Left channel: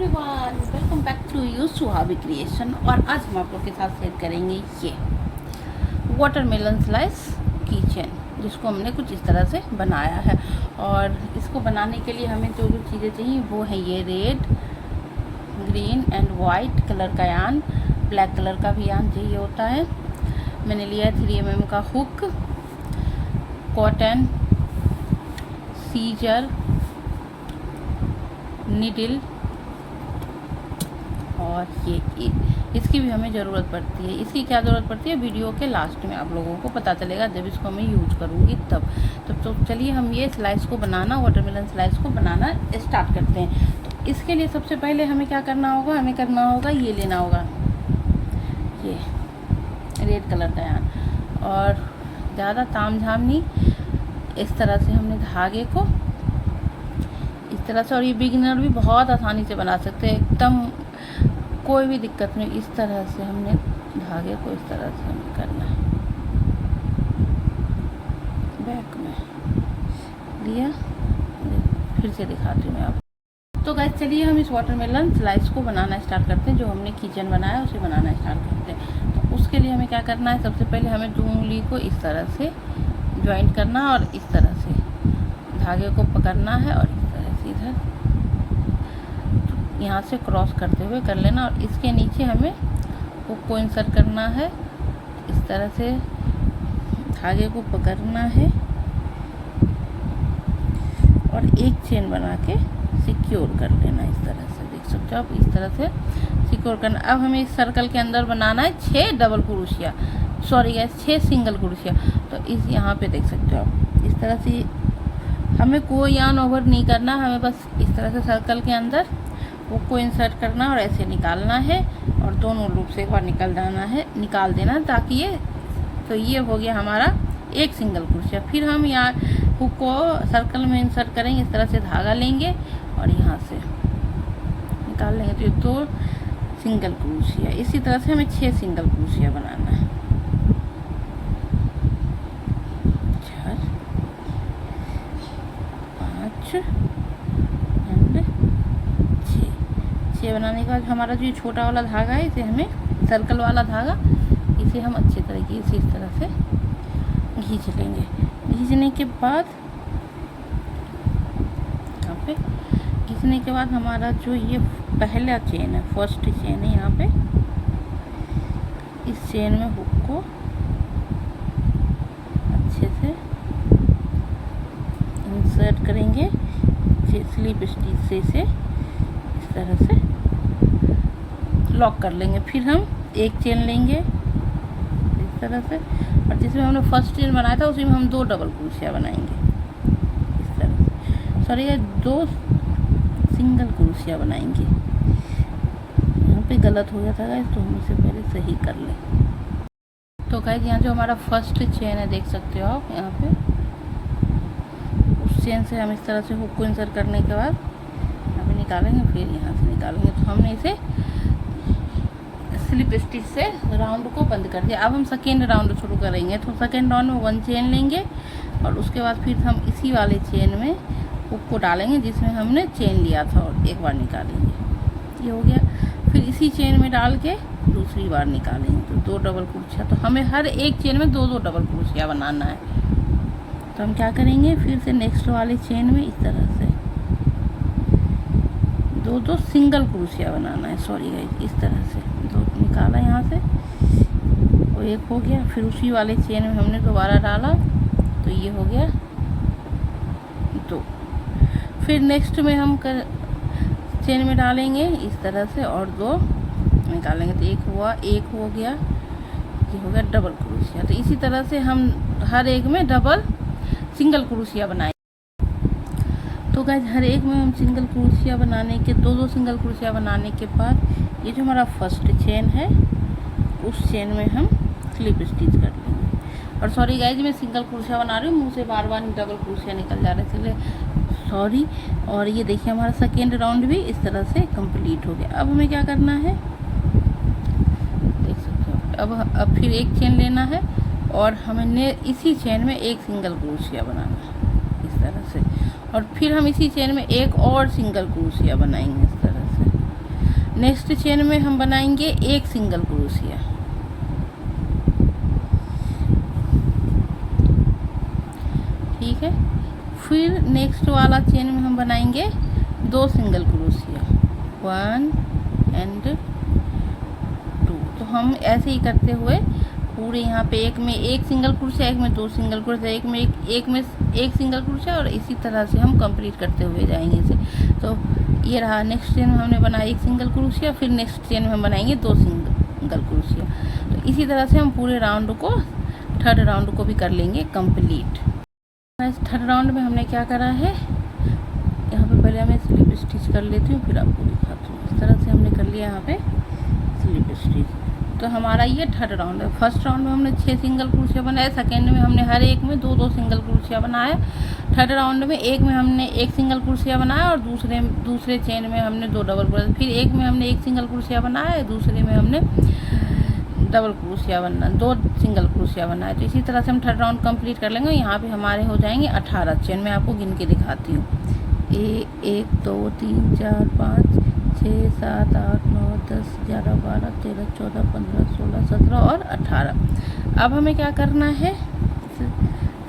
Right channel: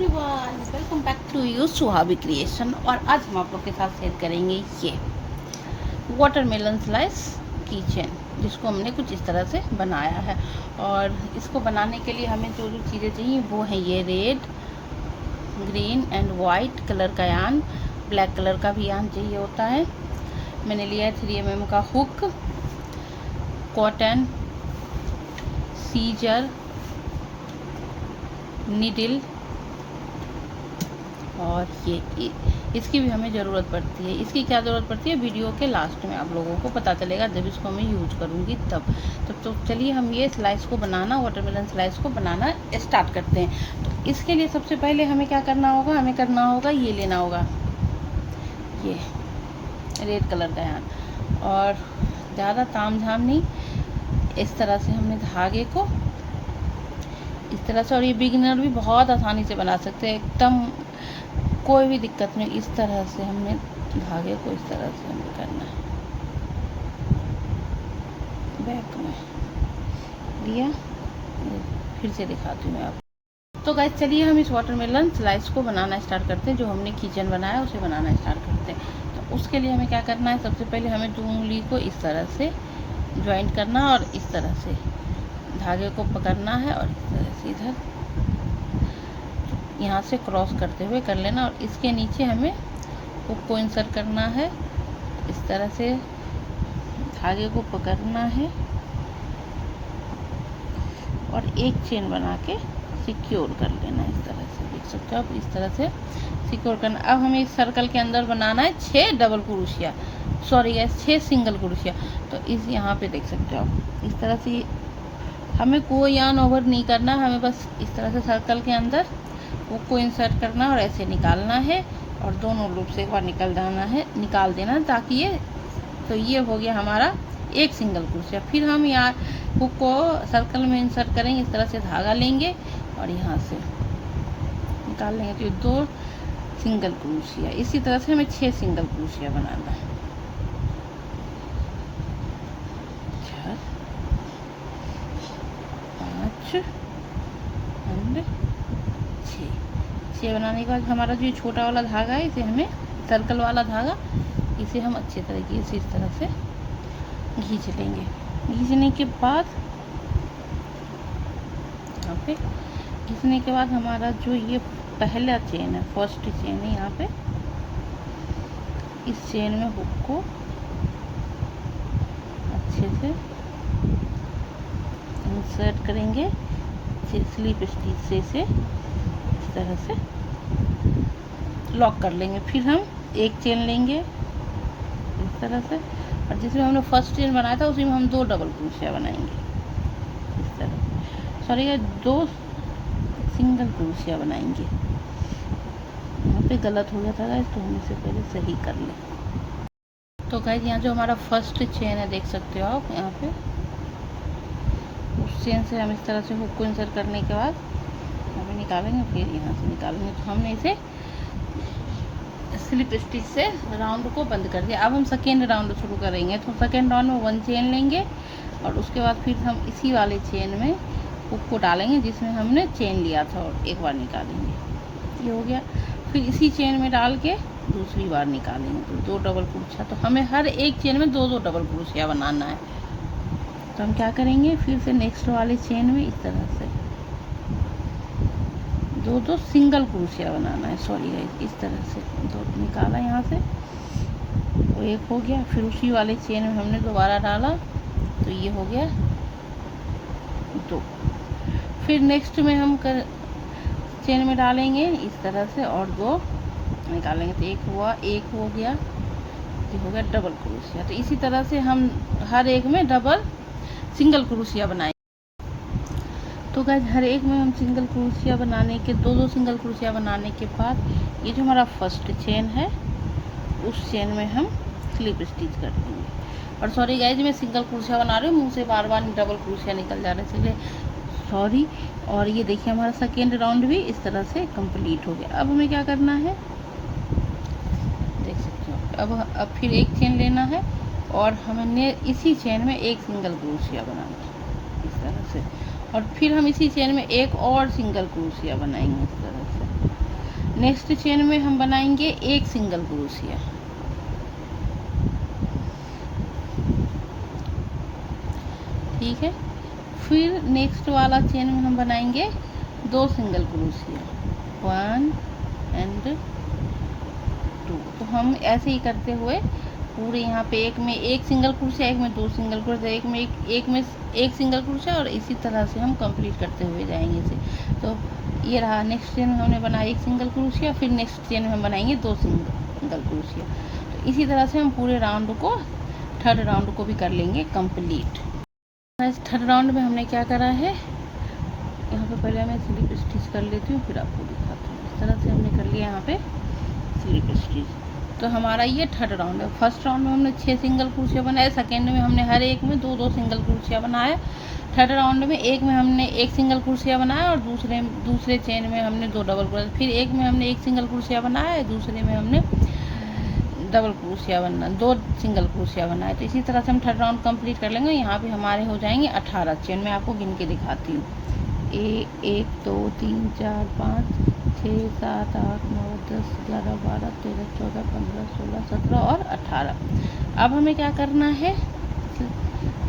Everyone, welcome back to you Suhabi creation. और आज हम आप लोग के साथ शेयर करेंगे ये वाटरमेलन स्लाइस किचन, जिसको हमने कुछ इस तरह से बनाया है। और इसको बनाने के लिए हमें जो जो चीज़ें चाहिए वो है ये red, green and white colour का यान, ब्लैक कलर का भी यान चाहिए होता है। मैंने लिया है 3mm का हुक, कॉटन, सीजर, नीडल, और ये इसकी भी हमें ज़रूरत पड़ती है। इसकी क्या ज़रूरत पड़ती है वीडियो के लास्ट में आप लोगों को पता चलेगा, जब इसको मैं यूज करूँगी तब। तो चलिए हम ये स्लाइस को बनाना, वाटरमेलन स्लाइस को बनाना स्टार्ट करते हैं। तो इसके लिए सबसे पहले हमें क्या करना होगा, हमें करना होगा ये लेना होगा ये रेड कलर का यान। और ज़्यादा ताम झाम नहीं, इस तरह से हमने धागे को इस तरह से, और ये बिगिनर भी बहुत आसानी से बना सकते हैं, एकदम कोई भी दिक्कत नहीं। इस तरह से हमने धागे को इस तरह से हमें करना है, बैक में लिया। फिर से दिखाती हूँ मैं आपको। तो गाइस चलिए हम इस वाटरमेलन स्लाइस को बनाना स्टार्ट करते हैं। जो हमने किचन बनाया उसे बनाना स्टार्ट करते हैं। तो उसके लिए हमें क्या करना है, सबसे पहले हमें 2 उंगली को इस तरह से ज्वाइंट करना और इस तरह से धागे को पकड़ना है और इस तरह से इधर यहाँ से क्रॉस करते हुए कर लेना। और इसके नीचे हमें हुक को इंसर्ट करना है, इस तरह से धागे को पकड़ना है और एक चेन बना के सिक्योर कर लेना। इस तरह से देख सकते हो आप, इस तरह से सिक्योर करना। अब हमें इस सर्कल के अंदर बनाना है 6 double crochet, sorry gas 6 single crochet. तो इस यहाँ पे देख सकते हो आप, इस तरह से हमें कोई यान ओवर नहीं करना, हमें बस इस तरह से सर्कल के अंदर हुक को इंसर्ट करना और ऐसे निकालना है और दोनों लूप से एक बार निकाल देना है, ताकि ये हो गया हमारा एक सिंगल क्रोशिया। फिर हम यहाँ हुक को सर्कल में इंसर्ट करेंगे, इस तरह से धागा लेंगे और यहाँ से निकाल लेंगे, तो ये 2 सिंगल क्रोशिया। इसी तरह से हमें 6 सिंगल क्रोशिया बनाना है। 4, 5 एंड 6 बनाने के बाद हमारा जो छोटा वाला धागा है, इसे हमें सर्कल वाला धागा, इसे हम अच्छे तरीके से इस तरह से खींच लेंगे। खींचने के बाद यहाँ पे खींचने के बाद हमारा जो ये पहला चेन है, फर्स्ट चेन है, यहाँ पे इस चेन में हुक को अच्छे से इंसर्ट करेंगे स्लिप स्टिच से इसे इस तरह से लॉक कर लेंगे। फिर हम एक चेन लेंगे इस तरह से, और जिसमें हमने फर्स्ट चेन बनाया था उसी में हम 2 डबल क्रोशिया बनाएंगे इस तरह से, सॉरी 2 सिंगल क्रोशिया बनाएंगे। यहाँ पे गलत हो गया था गाइस, तो हम इसे पहले सही कर लें। तो गाइस यहाँ जो हमारा फर्स्ट चेन है देख सकते हो आप, यहाँ पे उस चेन से हम इस तरह से हुक को इंसर्ट करने के बाद अभी निकालेंगे, फिर यहाँ से निकालेंगे। तो हमने इसे स्लिप स्टिच से राउंड को बंद कर दिया। अब हम सेकेंड राउंड शुरू करेंगे। तो सेकेंड राउंड में 1 चेन लेंगे और उसके बाद फिर हम इसी वाले चेन में हुक को डालेंगे जिसमें हमने चेन लिया था और एक बार निकालेंगे, ये हो गया। फिर इसी चेन में डाल के दूसरी बार निकालेंगे, तो 2 डबल क्रोशिया। तो हमें हर एक चेन में 2-2 डबल क्रोशिया बनाना है। तो हम क्या करेंगे, फिर से नेक्स्ट वाले चेन में इस तरह से 2-2 सिंगल क्रोशिया बनाना है, सॉरी गाइस, इस तरह से 2 निकाला यहाँ से, वो एक हो गया। फिर उसी वाले चेन में हमने दोबारा डाला, तो ये हो गया 2। फिर नेक्स्ट में हम चेन में डालेंगे इस तरह से और 2 निकालेंगे, तो एक हो गया, ये हो गया डबल क्रोशिया। तो इसी तरह से हम हर एक में डबल सिंगल क्रोशिया बनाएंगे। तो गाइस हर एक में हम सिंगल क्रोशिया बनाने के 2-2 सिंगल क्रोशिया बनाने के बाद ये जो हमारा फर्स्ट चेन है उस चेन में हम स्लिप स्टिच कर देंगे। और सॉरी गाइस, मैं सिंगल क्रोशिया बना रही हूँ, मुँह से बार-बार डबल क्रोशिया निकल जा रहा है, इसलिए सॉरी। और ये देखिए हमारा सेकेंड राउंड भी इस तरह से कंप्लीट हो गया। अब हमें क्या करना है, देख सकते हो, अब फिर एक चेन लेना है और हमें इसी चेन में एक सिंगल क्रोशिया बनाना है इस तरह से, और फिर हम इसी चेन में एक और सिंगल क्रोशिया बनाएंगे इस तरह से। नेक्स्ट चेन में हम बनाएंगे एक सिंगल क्रोशिया, ठीक है। फिर नेक्स्ट वाला चेन में हम बनाएंगे 2 सिंगल क्रोशिया, 1 एंड 2। तो हम ऐसे ही करते हुए पूरे यहाँ पे एक में एक सिंगल क्रोशिया, एक में 2 सिंगल क्रोशिया, एक में एक सिंगल क्रोशिया, और इसी तरह से हम कंप्लीट करते हुए जाएंगे इसे। तो ये रहा, नेक्स्ट चेन में हमने बनाया एक सिंगल क्रोशिया, फिर नेक्स्ट चेन में हम बनाएंगे 2 सिंगल क्रोशिया। तो इसी तरह से हम पूरे राउंड को, थर्ड राउंड को भी कर लेंगे कंप्लीट। थर्ड राउंड में हमने क्या करा है, यहाँ पे पहले मैं स्लिप स्टिच कर लेती हूँ, फिर आपको दिखाती हूँ। इस तरह से हमने कर लिया यहाँ पे स्लिप स्टिच। तो हमारा ये थर्ड राउंड है। फर्स्ट राउंड में हमने 6 सिंगल क्रोशिया बनाए, सेकेंड में हमने हर एक में 2-2 सिंगल क्रोशिया बनाया, थर्ड राउंड में एक में हमने एक सिंगल क्रोशिया बनाया और दूसरे चेन में हमने 2 डबल क्रोशिया, फिर एक में हमने एक सिंगल क्रोशिया बनाया, दूसरे में हमने डबल क्रोशिया बनना, 2 सिंगल क्रोशिया बनाए। तो इसी तरह से हम थर्ड राउंड कंप्लीट कर लेंगे। यहाँ पे हमारे हो जाएंगे 18 चेन। मैं आपको गिन के दिखाती हूँ। 1 2 3 4 5 6 7 8 9 10 11 12 13 14 15 16 17 और 18। अब हमें क्या करना है,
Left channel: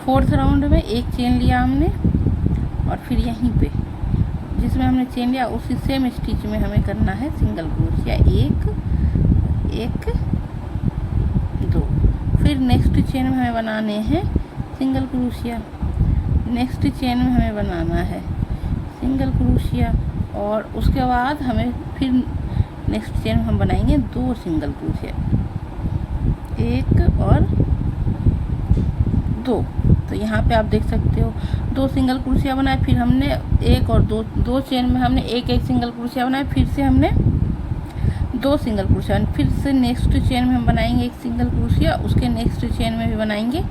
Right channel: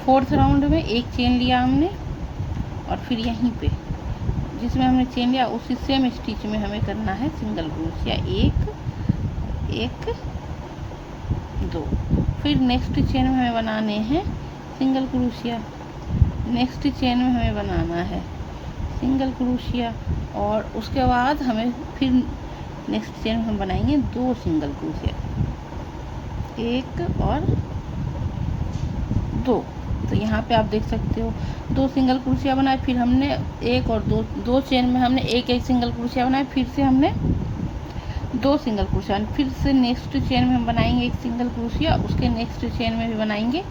फोर्थ राउंड में एक चेन लिया हमने, और फिर यहीं पे जिसमें हमने चेन लिया उसी सेम स्टिच में हमें करना है सिंगल क्रोशिया, 1 2। फिर नेक्स्ट चेन में हमें बनाने हैं सिंगल क्रोशिया, नेक्स्ट चेन में हमें बनाना है सिंगल क्रोशिया, और उसके बाद हमें फिर नेक्स्ट चेन में हम बनाएंगे 2 सिंगल क्रोशिया, 1 और 2। तो यहाँ पे आप देख सकते हो 2 सिंगल क्रोशिया बनाए, फिर हमने 1 और 2 चेन में हमने एक सिंगल क्रोशिया बनाए, फिर से हमने 2 सिंगल क्रोशिया, फिर से नेक्स्ट चेन में हम बनाएंगे एक सिंगल क्रोशिया, उसके नेक्स्ट चेन में भी बनाएंगे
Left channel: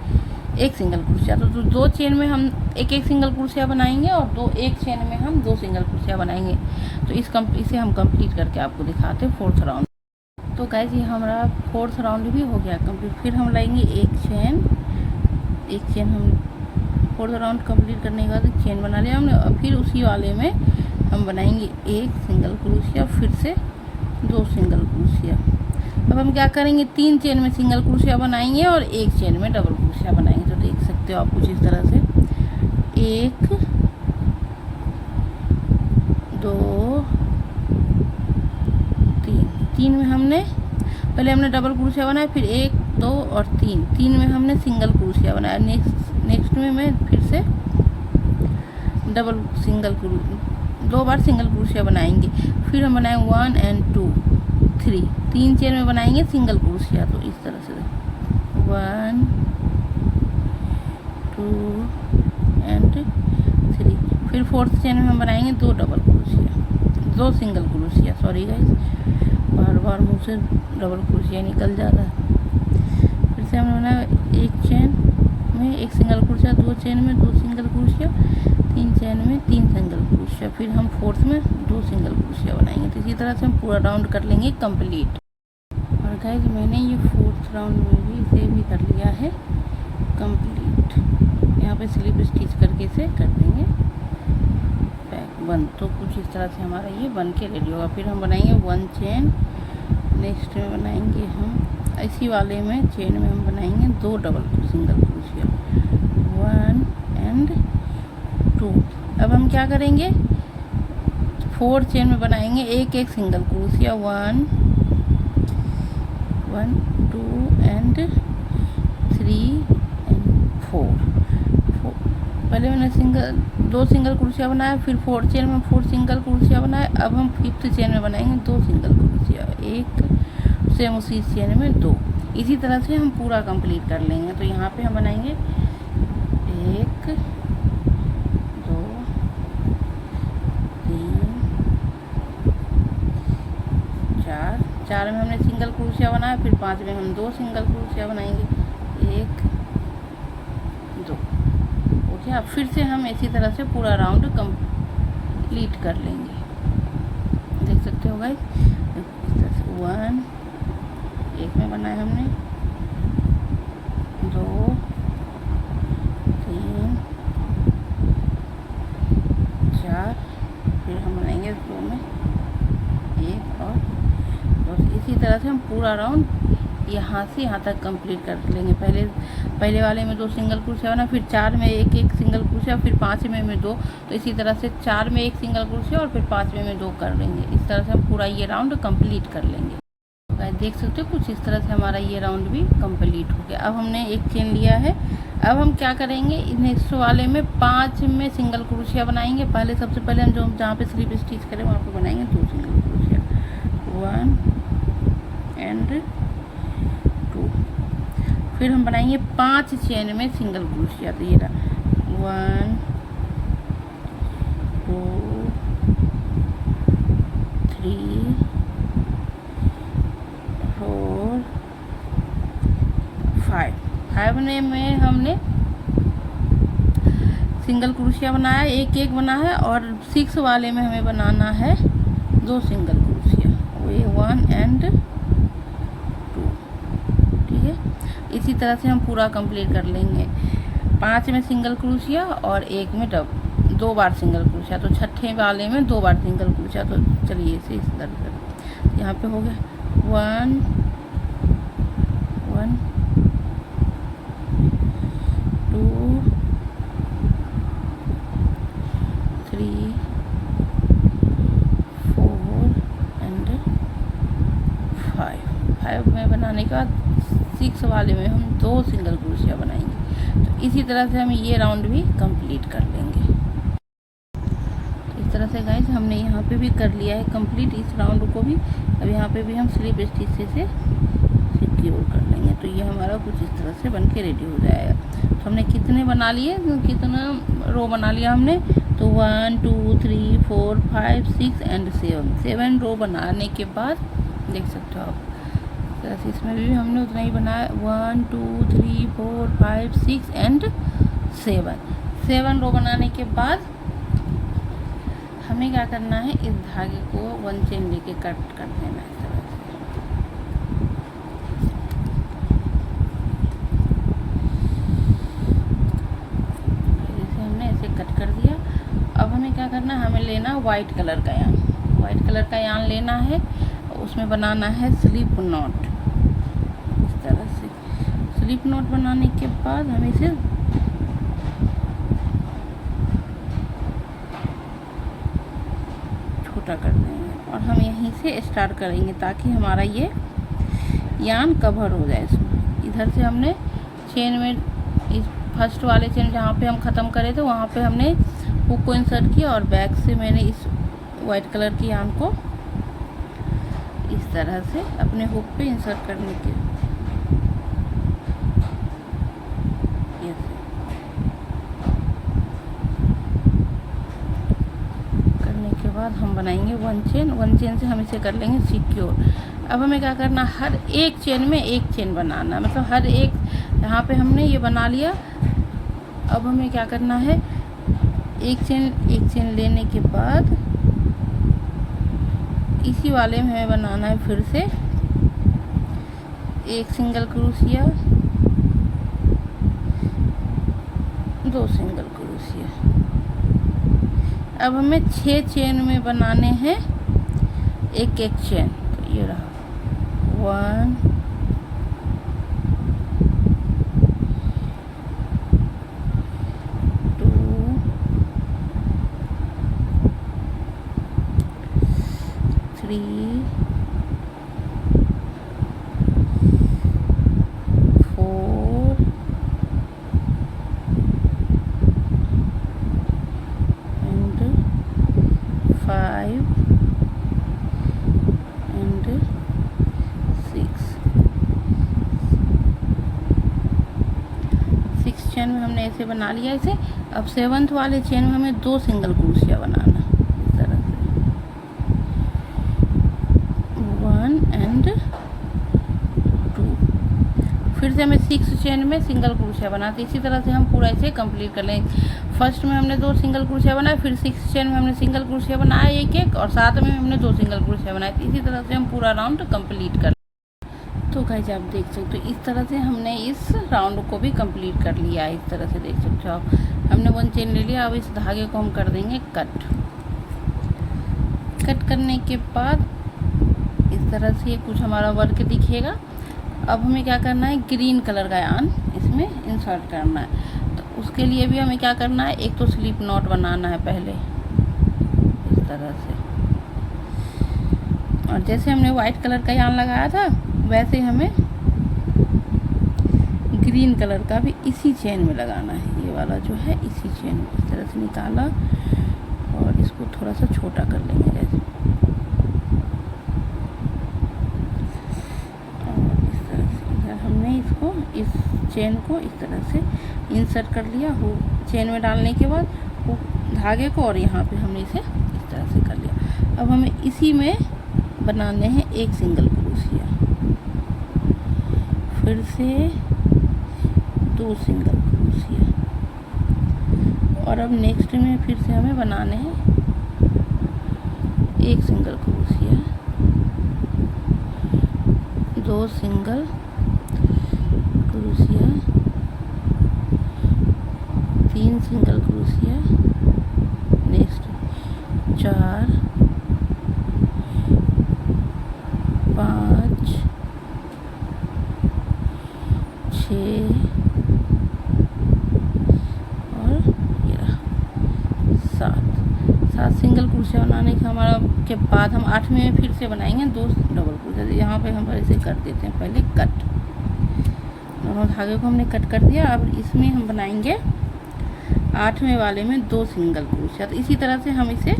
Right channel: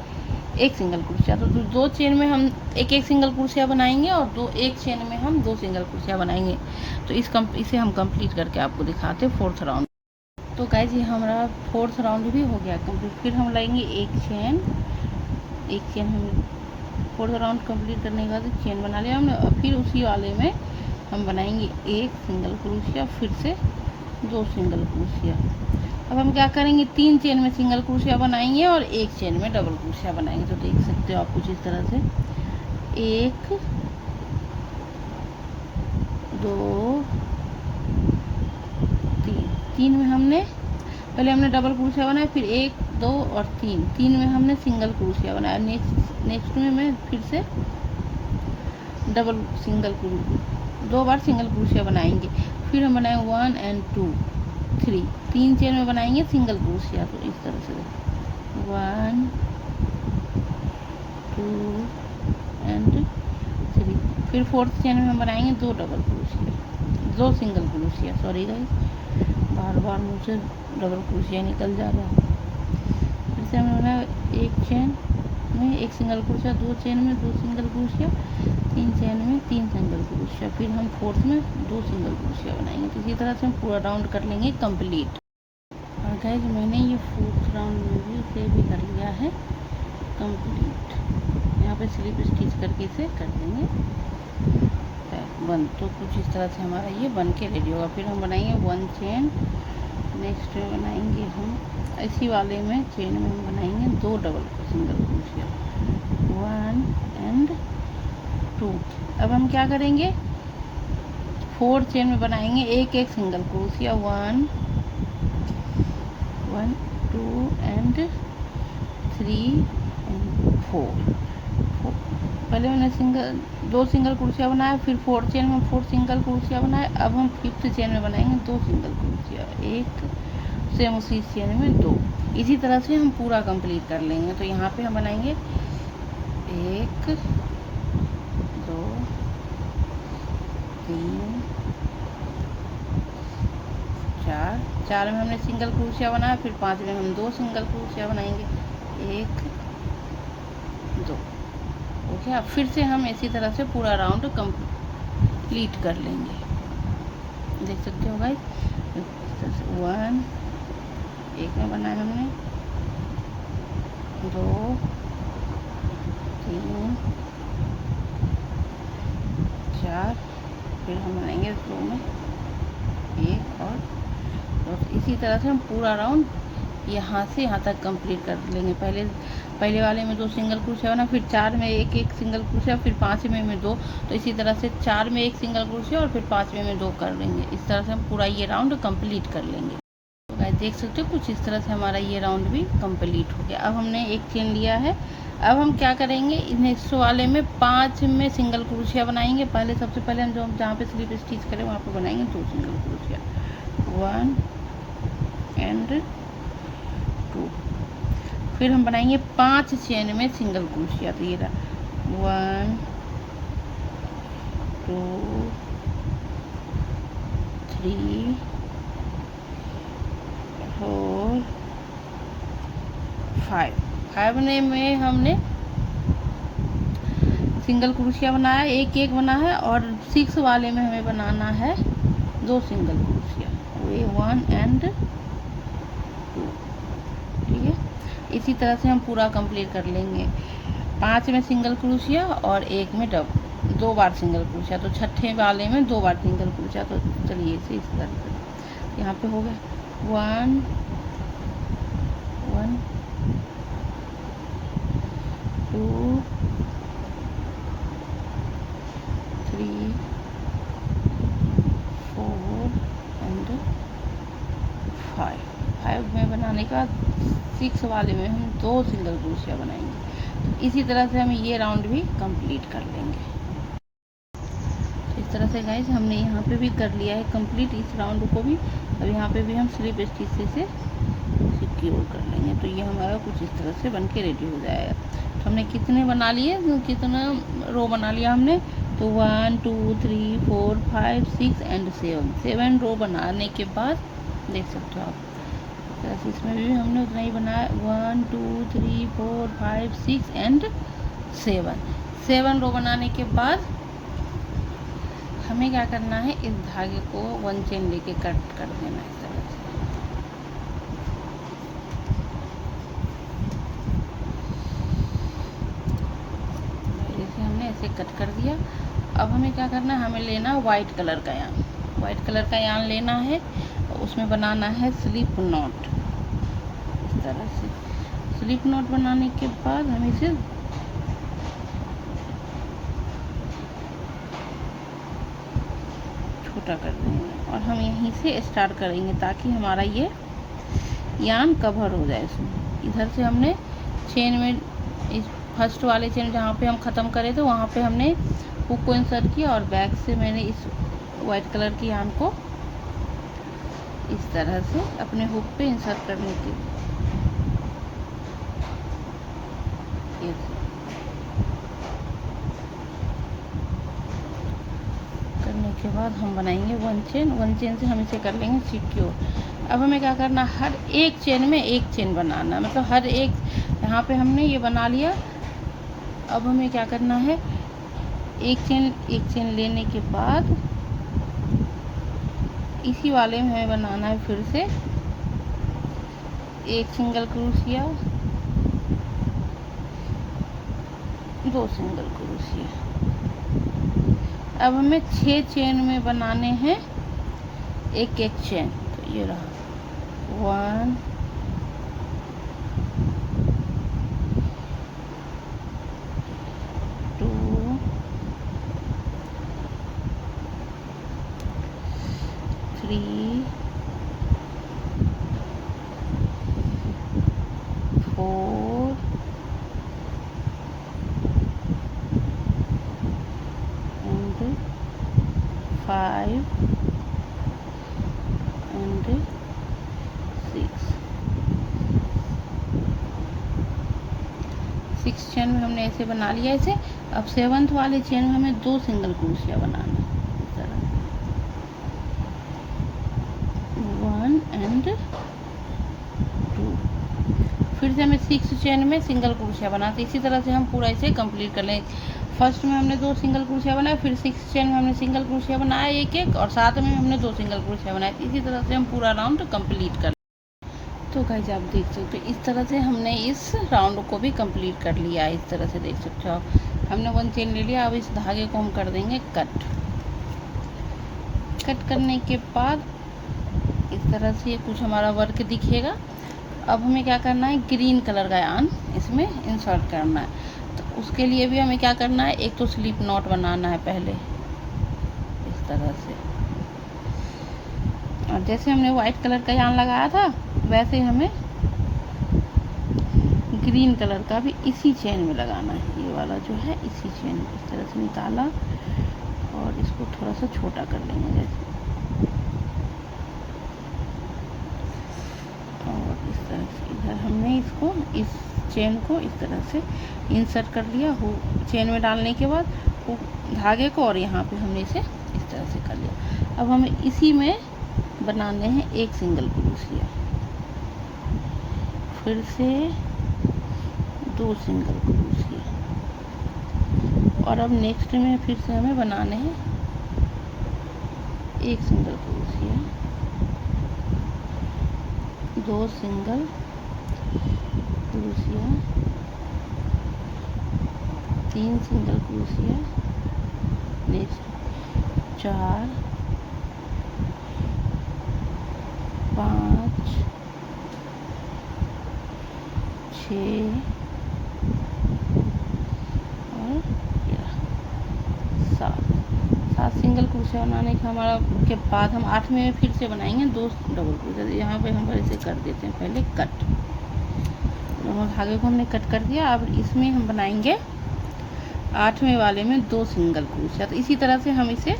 एक सिंगल क्रोशिया। तो 2 चेन में हम एक सिंगल क्रोशिया बनाएंगे और एक चेन में हम 2 सिंगल क्रोशिया बनाएंगे। तो इसे हम कंप्लीट करके आपको दिखाते हैं फोर्थ राउंड। तो गाइस ये हमारा फोर्थ राउंड भी हो गया कंप्लीट। फिर हम लाएंगे एक चेन हम फोर्थ राउंड कंप्लीट करने के बाद एक चेन बना लिया हमने, और फिर उसी वाले में हम बनाएंगे एक सिंगल क्रोशिया, फिर से 2 सिंगल क्रोशिया। अब हम क्या करेंगे, 3 चेन में सिंगल क्रोशिया बनाएंगे और एक चेन में डबल क्रोशिया बनाएंगे। तो देख सकते हो आप कुछ इस तरह से, 1 2 3 में हमने पहले डबल क्रोशिया बनाया, फिर 1 2 और 3 में हमने सिंगल क्रोशिया बनाया। नेक्स्ट में मैं फिर से दो बार सिंगल क्रोशिया बनाएंगे, फिर हम बनाएंगे 1 एंड 2 3, 3 चेन में बनाएंगे सिंगल क्रोशिया। तो इस तरह से 1 2 एंड 3, फिर फोर्थ चेन में हम बनाएंगे 2 double crochet, 2 single crochet. Sorry guys, बार मुँह से डबल क्रोशिया निकल जा रहा है। फिर से हमने बनाया एक चेन में एक सिंगल क्रोशिया, 2 चेन में 2 सिंगल क्रोशिया, 3 चेन में 3 सिंगल क्रोशिया, फिर हम फोर्थ में 2 सिंगल क्रोशिया बनाएंगे। तो इसी तरह से हम पूरा राउंड कर लेंगे कंप्लीट। और गाइस मैंने ये फोर्थ राउंड में भी इसे भी कर लिया है कंप्लीट। यहाँ पे स्लिप स्टिच करके इसे कर देंगे बंद। तो कुछ इस तरह से हमारा ये बन के रेडी होगा। फिर हम बनाएंगे 1 चेन, नेक्स्ट में बनाएंगे हम इसी वाले में चेन में हम बनाएंगे 2 डबल सिंगल क्रोशिया, 1 एंड 2। अब हम क्या करेंगे, 4 चेन में बनाएंगे एक सिंगल क्रोशिया, 1 2 एंड 3 एंड 4। पहले मैंने 2 सिंगल क्रोशिया बनाया, फिर 4 चेन में 4 सिंगल क्रोशिया बनाया। अब हम 5th चेन में बनाएंगे 2 सिंगल क्रोशिया, 1 सेम उसी चेन में 2। इसी तरह से हम पूरा कंप्लीट कर लेंगे। तो यहाँ पे हम बनाएंगे 1 2 3 4 में हमने सिंगल क्रोशिया बनाया, फिर 5 में हम 2 सिंगल क्रोशिया बनाएंगे, 1 2। ओके, अब फिर से हम इसी तरह से पूरा राउंड कंप्लीट कर लेंगे। देख सकते हो भाई, 1 एक में बनाया हमने, 2 3 4, फिर हम बनाएंगे 2 में एक और दो। इसी तरह से हम पूरा राउंड यहाँ से यहाँ तक कंप्लीट कर लेंगे। पहले वाले में 2 सिंगल क्रोशिया बना, फिर 4 में एक सिंगल क्रोशिया, फिर 5वें में 2। तो इसी तरह से 4 में 1 सिंगल क्रोशिया और फिर 5वें में 2 कर लेंगे। इस तरह से हम पूरा ये राउंड कंप्लीट कर लेंगे। तो गाइस देख सकते हो कुछ इस तरह से हमारा ये राउंड भी कंप्लीट हो गया। अब हमने एक चेन लिया है। अब हम क्या करेंगे, इस वाले में 5 में सिंगल क्रोशिया बनाएंगे। सबसे पहले हम जहाँ पे स्लिप स्टिच करें वहाँ पे बनाएंगे 2 सिंगल क्रोशिया, 1 एंड 2। फिर हम बनाएंगे 5 चेन में सिंगल क्रोशिया। तो ये रहा 1 2 3 4 5। 5 में हमने सिंगल क्रोशिया बनाया, एक बना है, और 6 वाले में हमें बनाना है 2 सिंगल क्रोशिया, ये 1 एंड 2। ठीक है, इसी तरह से हम पूरा कंप्लीट कर लेंगे। 5 में सिंगल क्रोशिया और 1 में 2 बार सिंगल क्रोशिया। तो 6ठे वाले में 2 बार सिंगल क्रोशिया। तो चलिए इसे इस तरह से यहाँ पे हो गया 1 1 2 3 4 एंड 5 में बनाने के बाद 6 वाले में हम 2 सिंगल क्रोशिया बनाएंगे। तो इसी तरह से हम ये राउंड भी कंप्लीट कर लेंगे। तो इस तरह से गाइस हमने यहाँ पे भी कर लिया है कंप्लीट इस राउंड को भी। अब यहाँ पे भी हम स्लिप स्टिच से सिक्योर कर लेंगे। तो ये हमारा कुछ इस तरह से बन के रेडी हो जाएगा। तो हमने कितने बना लिए, कितना रो बना लिया हमने, तो 1 2 3 4 5 6 एंड 7 रो बनाने के बाद देख सकते हो आप। तो इसमें भी हमने उतना ही बनाया, 1 2 3 4 5 6 एंड 7 रो बनाने के बाद हमें क्या करना है, इस धागे को 1 चेन लेके कट कर देना है इस तरह से। जैसे हमने ऐसे कट कर दिया। अब हमें क्या करना है, हमें लेना वाइट कलर का यान। वाइट कलर का यान लेना है, उसमें बनाना है स्लिप नॉट। इस तरह से स्लिप नॉट बनाने के बाद हम इसे छोटा कर देंगे और हम यहीं से स्टार्ट करेंगे ताकि हमारा ये यान कवर हो जाए इसमें। इधर से हमने चेन में इस फर्स्ट वाले चेन जहाँ पे हम ख़त्म करे थे वहाँ पे हमने हुक को इंसर्ट किया और बैक से मैंने इस वाइट कलर की यान को इस तरह से अपने हुक पे इंसर्ट करने के बाद हम बनाएंगे 1 चेन से हम इसे कर लेंगे सिक्योर। अब हमें क्या करना, हर एक चेन में 1 चेन बनाना, मतलब हर एक, यहाँ पे हमने ये बना लिया। अब हमें क्या करना है, एक चेन लेने के बाद इसी वाले में हमें बनाना है फिर से 1 सिंगल क्रोशिया, 2 सिंगल क्रोशिया। अब हमें 6 चेन में बनाने हैं एक चेन। तो ये रहा 1 2 3 4 and 5 and 6 चेन में हमने ऐसे बना लिया इसे। अब 7th वाले चेन में हमें 2 सिंगल क्रोशिया बनाना है इस तरह से, 1 एंड 2। फिर से हमें 6 चेन में सिंगल क्रोशिया बनाते। इसी तरह से हम पूरा इसे कंप्लीट कर लें। फर्स्ट में हमने 2 सिंगल क्रोशिया बनाया, फिर 6 चेन में हमने सिंगल क्रोशिया बनाया एक और 7 में हमने 2 सिंगल क्रोशिया बनाया। इसी तरह से हम पूरा राउंड कंप्लीट कर। तो गाइस आप देख सकते हो इस तरह से हमने इस राउंड को भी कंप्लीट कर लिया है। इस तरह से देख सकते हो आप, हमने 1 चेन ले लिया। अब इस धागे को हम कर देंगे कट। कट करने के बाद इस तरह से कुछ हमारा वर्क दिखेगा। अब हमें क्या करना है, ग्रीन कलर का यार्न इसमें इंसर्ट करना है। तो उसके लिए भी हमें क्या करना है, एक तो स्लिप नॉट बनाना है पहले इस तरह से, और जैसे हमने वाइट कलर का यार्न लगाया था वैसे हमें ग्रीन कलर का भी इसी चेन में लगाना है। ये वाला जो है इसी चेन में इस तरह से निकाला और इसको थोड़ा सा छोटा कर लेंगे गाइस। और इस तरह से इधर हमने इसको, इस चेन को इस तरह से इंसर्ट कर लिया हो चेन में डालने के बाद वो धागे को, और यहाँ पे हमने इसे इस तरह से कर लिया। अब हमें इसी में बनाने हैं एक सिंगल क्रोशिया, फिर से 2 सिंगल क्रोशिया, और अब नेक्स्ट में फिर से हमें बनाने हैं एक single crochet, 2 single crochet, 3 single crochet, next 4 5 6 और 7 सिंगल क्रोशिया बनाने के हमारा के बाद हम 8वें में फिर से बनाएंगे 2 डबल क्रोशिया। यहाँ पे हम ऐसे कर देते हैं पहले कट, दोनों धागे को हमने कट कर दिया। अब इसमें हम बनाएंगे 8वें वाले में 2 सिंगल क्रोशिया। तो इसी तरह से हम इसे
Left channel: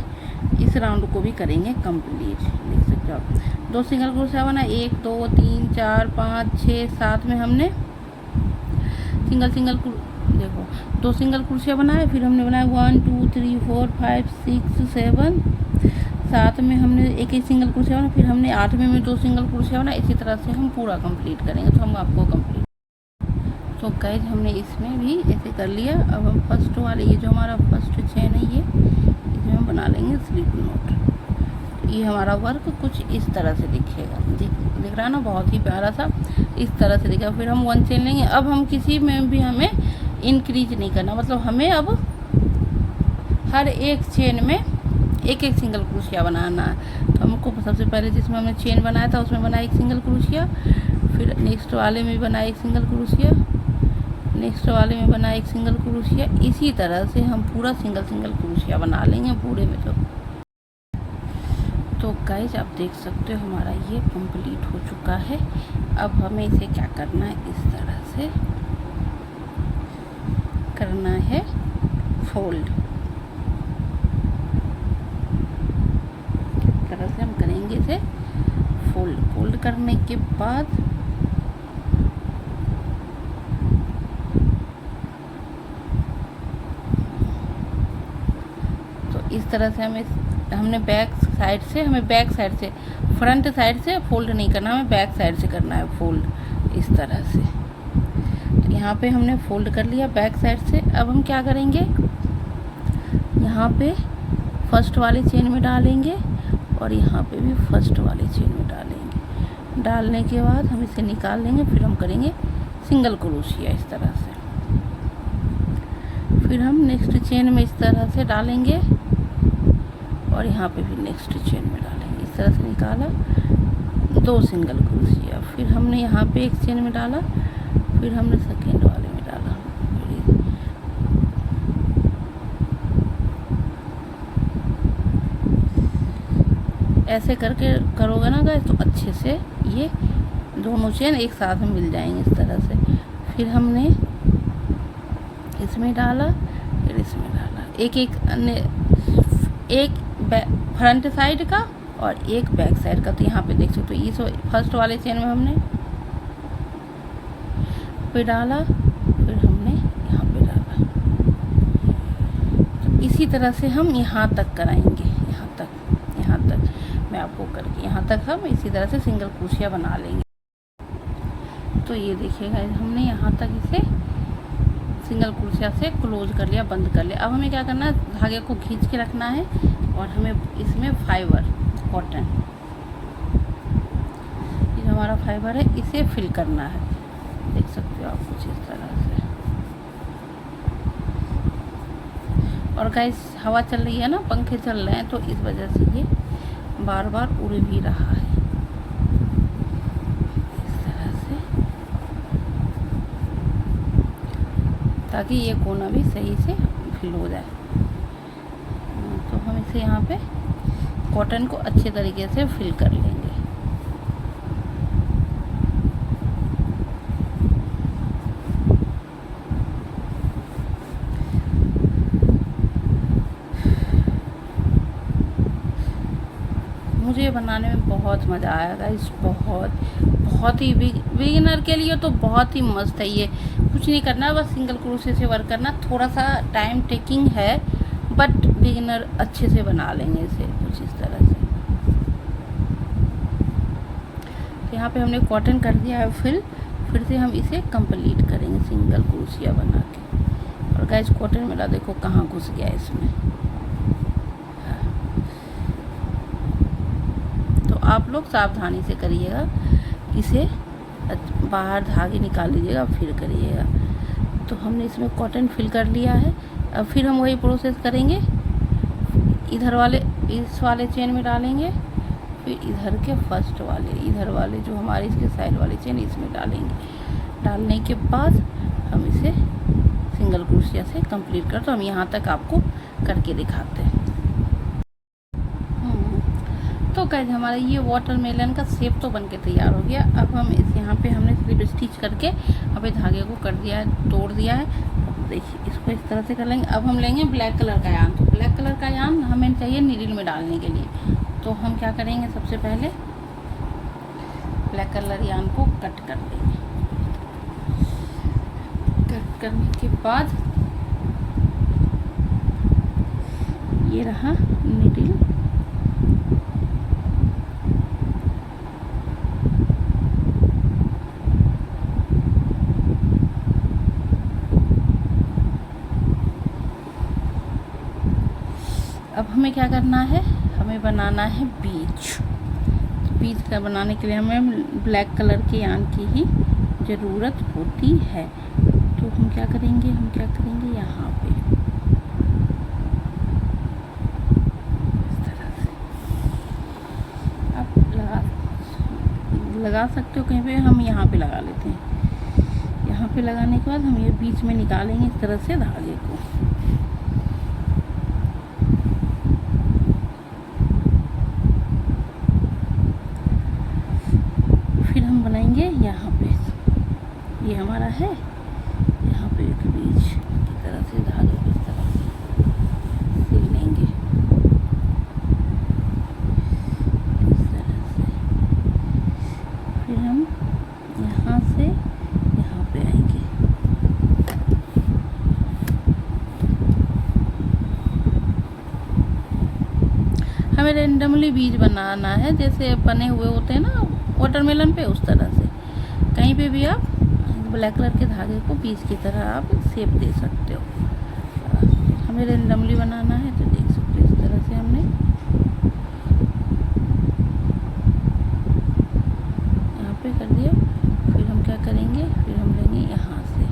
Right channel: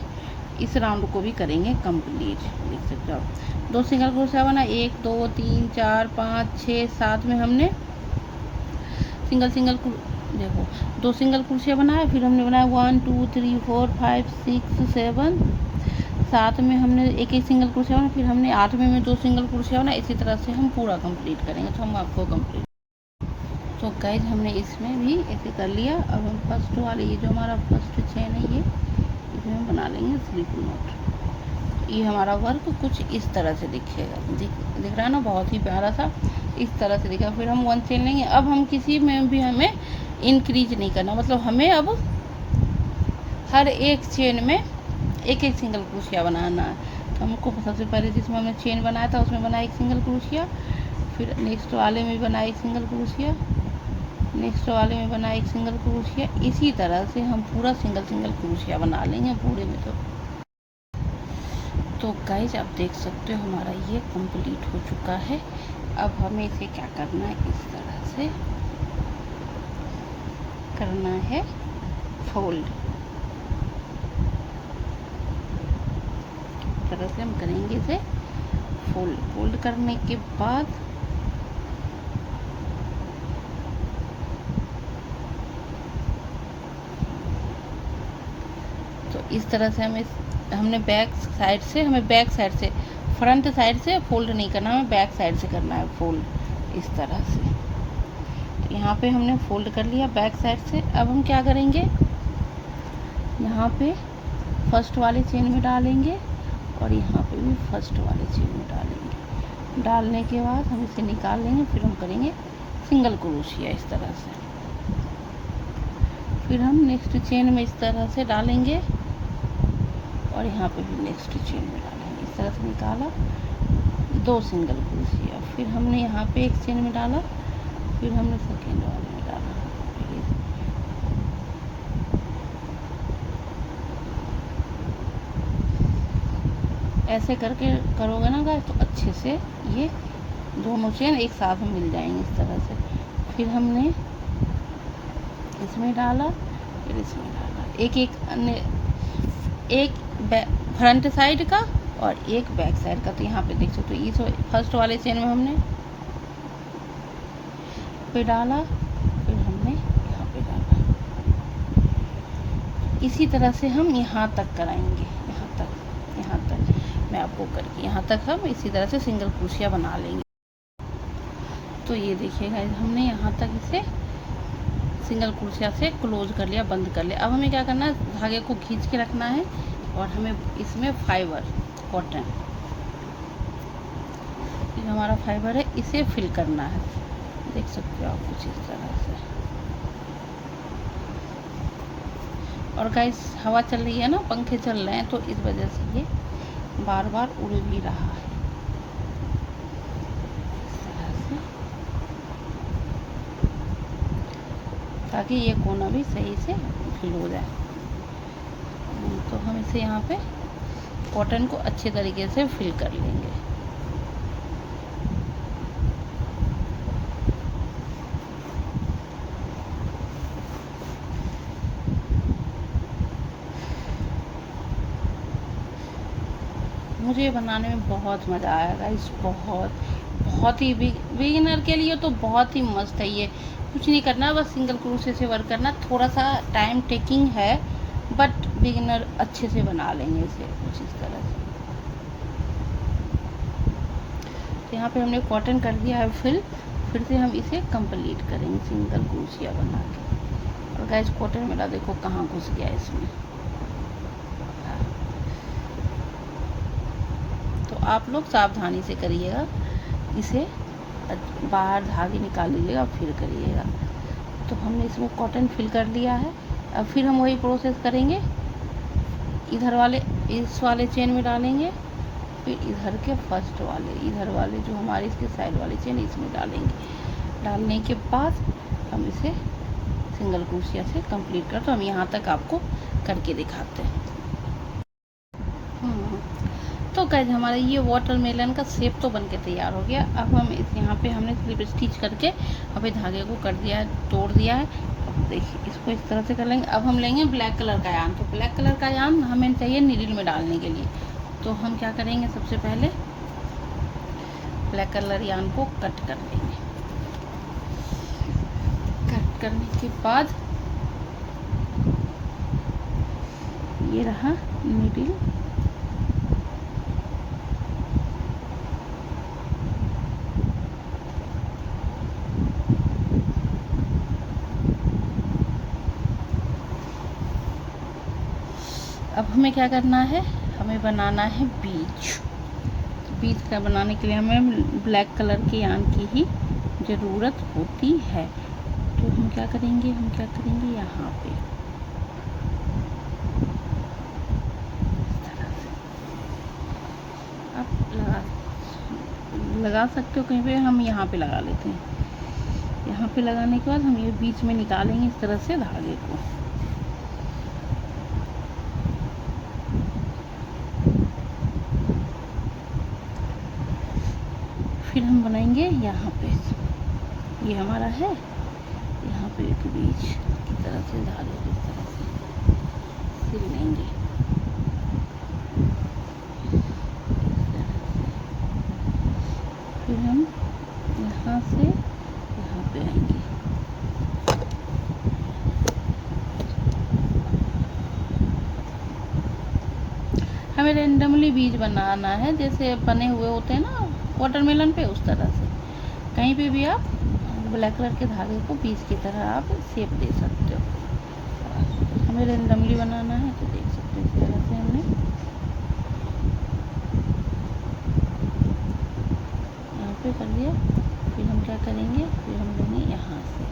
इस राउंड को भी करेंगे कंप्लीट। देख सकते हो आप 2 सिंगल क्रोशिया बना, 1 2 3 4 5 6 7 में हमने सिंगल देखो 2 सिंगल क्रोशिया बनाया, फिर हमने बनाया 1 2 3 4 5 6 7 7 में हमने एक सिंगल क्रोशिया बनाया, फिर हमने 8वें में 2 सिंगल क्रोशिया बनाया। इसी तरह से हम पूरा कंप्लीट करेंगे। तो हम आपको कंप्लीट, तो गाइज हमने इसमें भी ऐसे कर लिया। अब हम फर्स्ट वाले, ये जो हमारा फर्स्ट चेन है ये इसमें हम बना लेंगे स्लिप नॉट। ये हमारा वर्क कुछ इस तरह से दिखेगा, दिख रहा है ना, बहुत ही प्यारा सा इस तरह से दिखेगा। फिर हम 1 चेन लेंगे। अब हम किसी में भी हमें इंक्रीज नहीं करना, मतलब हमें अब हर एक चेन में एक सिंगल क्रोशिया बनाना है। तो हमको सबसे पहले जिसमें हमने चेन बनाया था उसमें बनाया एक सिंगल क्रोशिया, फिर नेक्स्ट वाले में बनाया एक सिंगल क्रोशिया, नेक्स्ट वाले में बनाया एक सिंगल क्रोशिया। इसी तरह से हम पूरा सिंगल क्रोशिया बना लेंगे पूरे में। तो गाइज आप देख सकते हो हमारा ये कंप्लीट हो चुका है। अब हमें इसे क्या करना है, इस तरह से करना है फोल्ड। इस तरह से हम करेंगे इसे फोल्ड करने के बाद तो इस तरह से हमने बैक साइड से फ्रंट साइड से फोल्ड नहीं करना, हमें बैक साइड से करना है फोल्ड इस तरह से। तो यहाँ पे हमने फोल्ड कर लिया बैक साइड से। अब हम क्या करेंगे, यहाँ पे फर्स्ट वाले चेन में डालेंगे और यहाँ पे भी फर्स्ट वाले चेन में डालेंगे। डालने के बाद हम इसे निकाल लेंगे, फिर हम करेंगे सिंगल क्रोशिया इस तरह से। फिर हम नेक्स्ट चेन में इस तरह से डालेंगे और यहाँ पे भी नेक्स्ट चेन में डालेंगे। इस तरह से निकाला 2 सिंगल क्रोशिया, फिर हमने यहाँ पे एक चेन में डाला, फिर हमने सेकेंड वाले में डाला। ऐसे करके करोगे ना गाइस तो अच्छे से ये दोनों चेन एक साथ में मिल जाएंगे इस तरह से। फिर हमने इसमें डाला, फिर इसमें डाला, एक फ्रंट साइड का और एक बैक साइड का। तो यहाँ पे देख सकते हो इस फर्स्ट वाले चेन में हमने पे डाला, फिर हमने यहाँ पे डाला। तो इसी तरह से हम यहाँ तक कराएंगे, यहाँ तक मैं आपको करके यहाँ तक हम इसी तरह से सिंगल क्रोशिया बना लेंगे। तो ये देखिएगा हमने यहाँ तक इसे सिंगल क्रोशिया से क्लोज कर लिया, बंद कर लिया। अब हमें क्या करना है, धागे को खींच के रखना है और हमें इसमें फाइबर कॉटन, ये हमारा फाइबर है, इसे फिल करना है। देख सकते हो आप कुछ इस तरह से। और गाइस हवा चल रही है ना, पंखे चल रहे हैं, तो इस वजह से ये बार बार उड़ भी रहा है। ताकि ये कोना भी सही से फिल हो जाए। तो हम इसे यहाँ पे कॉटन को अच्छे तरीके से फिल कर लेंगे। मुझे ये बनाने में बहुत मज़ा आया गाइस, बहुत ही बिगिनर के लिए तो बहुत ही मस्त है ये। कुछ नहीं करना, बस सिंगल क्रोशे से वर्क करना। थोड़ा सा टाइम टेकिंग है बट बिगिनर अच्छे से बना लेंगे इसे कुछ इस तरह से। तो यहाँ पे हमने कॉटन कर दिया है फिर से हम इसे कंप्लीट करेंगे सिंगल क्रोशिया बना के। और गाइस कॉटन मेरा देखो कहाँ घुस गया इसमें। तो आप लोग सावधानी से करिएगा, इसे बाहर धागे निकाल लीजिएगा फिर करिएगा। तो हमने इसमें कॉटन फिल कर लिया है। अब फिर हम वही प्रोसेस करेंगे, इधर वाले इस वाले चेन में डालेंगे, फिर इधर के फर्स्ट वाले इधर वाले जो हमारे इसके साइड वाले चेन इसमें डालेंगे। डालने के बाद हम इसे सिंगल क्रोशिया से कंप्लीट कर। तो हम यहाँ तक आपको करके दिखाते हैं। तो गाइस हमारा ये वाटरमेलन का शेप तो बनके तैयार हो गया। अब हम इस यहाँ पे हमने स्लिप स्टिच करके अभी धागे को कर दिया है, तोड़ दिया है। अब देखिए इसको इस तरह से कर लेंगे। अब हम लेंगे ब्लैक कलर का यान। तो ब्लैक कलर का यान हमें चाहिए नीडल में डालने के लिए। तो हम क्या करेंगे, सबसे पहले ब्लैक कलर यान को कट कर लेंगे। कट करने के बाद ये रहा नीडल। अब हमें क्या करना है, हमें बनाना है बीज का बनाने के लिए हमें ब्लैक कलर के यान की ही ज़रूरत होती है। तो हम क्या करेंगे यहाँ पे इस तरह से आप लगा सकते हो कहीं पे। हम यहाँ पे लगा लेते हैं। यहाँ पे लगाने के बाद हम ये बीच में निकालेंगे इस तरह से धागे को। फिर हम बनाएंगे यहाँ पे, ये हमारा है, यहाँ पे एक बीच की तरह से धागे को इस तरह से सिल लेंगे इस तरह से। फिर हम यहाँ से यहाँ पे आएंगे। हमें रेंडमली बीज बनाना है, जैसे बने हुए होते हैं ना वाटरमेलन पे, उस तरह से। कहीं पे भी आप ब्लैक कलर के धागे को बीज की तरह आप शेप दे सकते हो। हमें रेंडमली बनाना है तो देख सकते हो इस तरह से हमने यहाँ पे कर दिया। फिर हम क्या करेंगे, फिर हम लेंगे यहाँ से,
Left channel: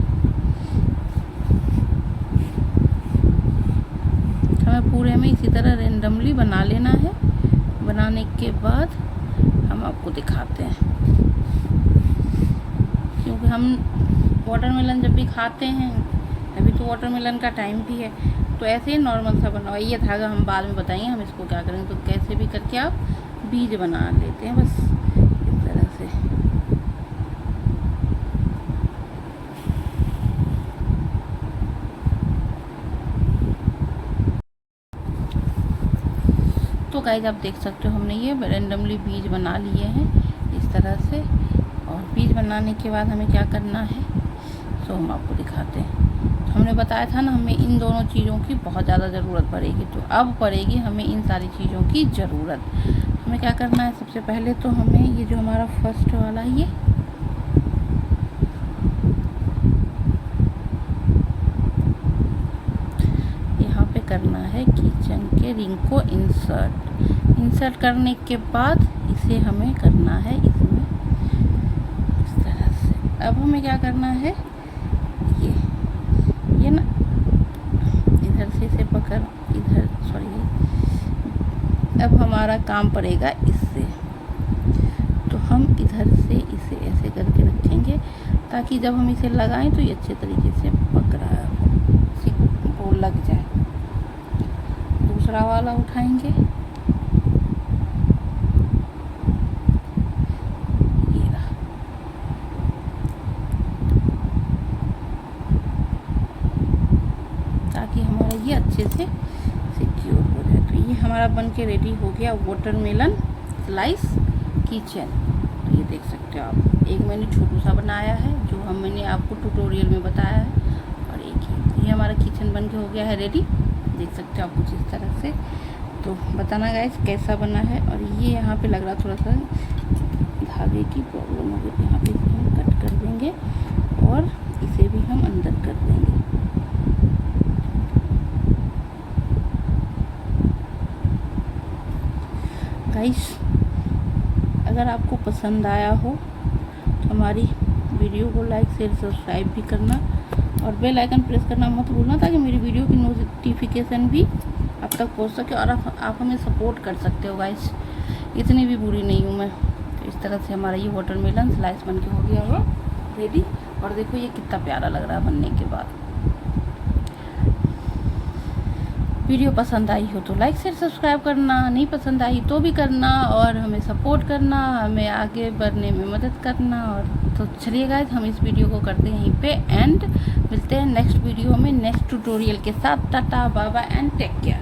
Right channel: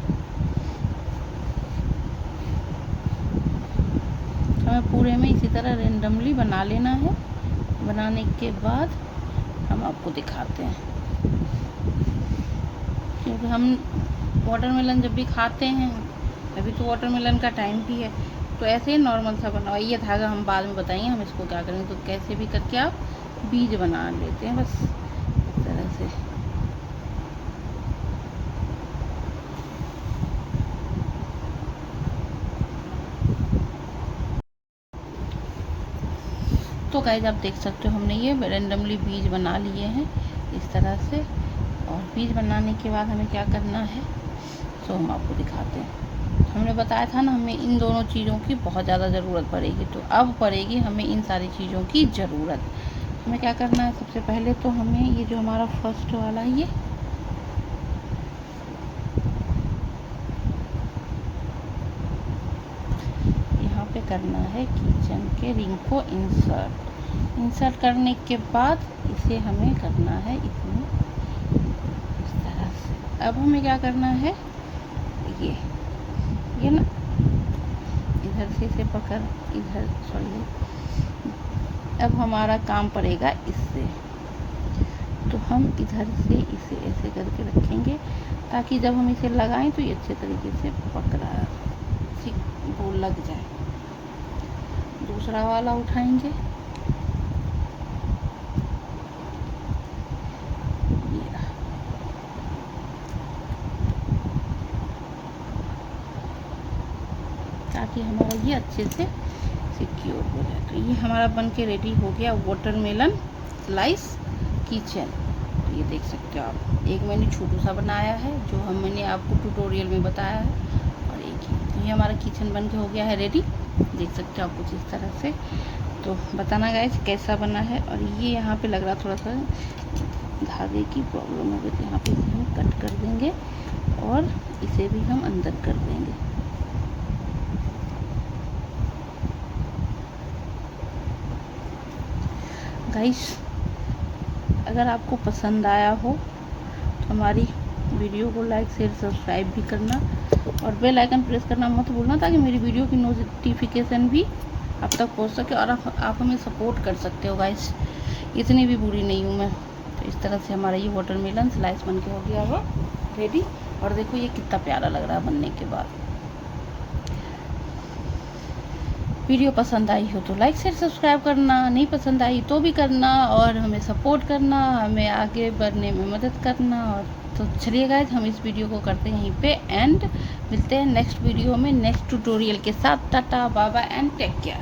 हमें पूरे में इसी तरह रेंडमली बना लेना है। बनाने के बाद हम आपको दिखाते हैं, क्योंकि हम वाटरमेलन जब भी खाते हैं, अभी तो वाटरमेलन का टाइम भी है, तो ऐसे ही नॉर्मल सा बनाओ। ये धागा हम बाद में बताएंगे हम इसको क्या करेंगे। तो कैसे भी करके आप बीज बना लेते हैं बस इस तरह से। तो गाइस आप देख सकते हो हमने ये रेंडमली बीज बना लिए हैं इस तरह से। और बीज बनाने के बाद हमें क्या करना है सो हम आपको दिखाते हैं। हमने बताया था ना हमें इन दोनों चीज़ों की बहुत ज़्यादा ज़रूरत पड़ेगी, तो अब पड़ेगी हमें इन सारी चीज़ों की ज़रूरत। हमें क्या करना है, सबसे पहले तो हमें ये जो हमारा फर्स्ट वाला है, ये यहाँ पे करना है किचन के रिंग को इंसर्ट करने के बाद इसे हमें करना है इसमें इस तरह से। अब हमें क्या करना है, ये ना इधर से इसे पकड़, इधर सॉरी, अब हमारा काम पड़ेगा इससे। तो हम इधर से इसे ऐसे करके रखेंगे ताकि जब हम इसे लगाएं तो ये अच्छे तरीके से पक रहा है, वो लग जाए। दूसरा वाला उठाएंगे, ये रहा। ताकि हमारा ये अच्छे से सिक्योर हो जाए। तो ये हमारा बन के रेडी हो गया वाटरमेलन स्लाइस किचन। तो ये देख सकते हो आप, एक मैंने छोटू सा बनाया है जो मैंने आपको ट्यूटोरियल में बताया है, और एक ही। तो ये हमारा किचन बन के हो गया है रेडी, देख सकते हो आप कुछ इस तरह से। तो बताना गाइस कैसा बना है। और ये यहाँ पे लग रहा थोड़ा सा धागे की प्रॉब्लम हो गई, तो यहाँ पे इसे हम कट कर देंगे और इसे भी हम अंदर कर देंगे। गाइस अगर आपको पसंद आया हो तो हमारी वीडियो को लाइक शेयर सब्सक्राइब भी करना, और बेल आइकन प्रेस करना मत भूलना, ताकि मेरी वीडियो की नोटिफिकेशन भी आप तक पहुंच सके और आप हमें सपोर्ट कर सकते हो गाइस। इतनी भी बुरी नहीं हूँ मैं। तो इस तरह से हमारा ये वाटरमेलन स्लाइस बन के हो गया हुआ रेडी। और देखो ये कितना प्यारा लग रहा है बनने के बाद। वीडियो पसंद आई हो तो लाइक शेयर सब्सक्राइब करना, नहीं पसंद आई तो भी करना, और हमें सपोर्ट करना, हमें आगे बढ़ने में मदद करना। और तो चलिए गाइस हम इस वीडियो को करते हैं यहीं पे एंड, मिलते हैं नेक्स्ट वीडियो में नेक्स्ट ट्यूटोरियल के साथ। Tata bye bye and take care.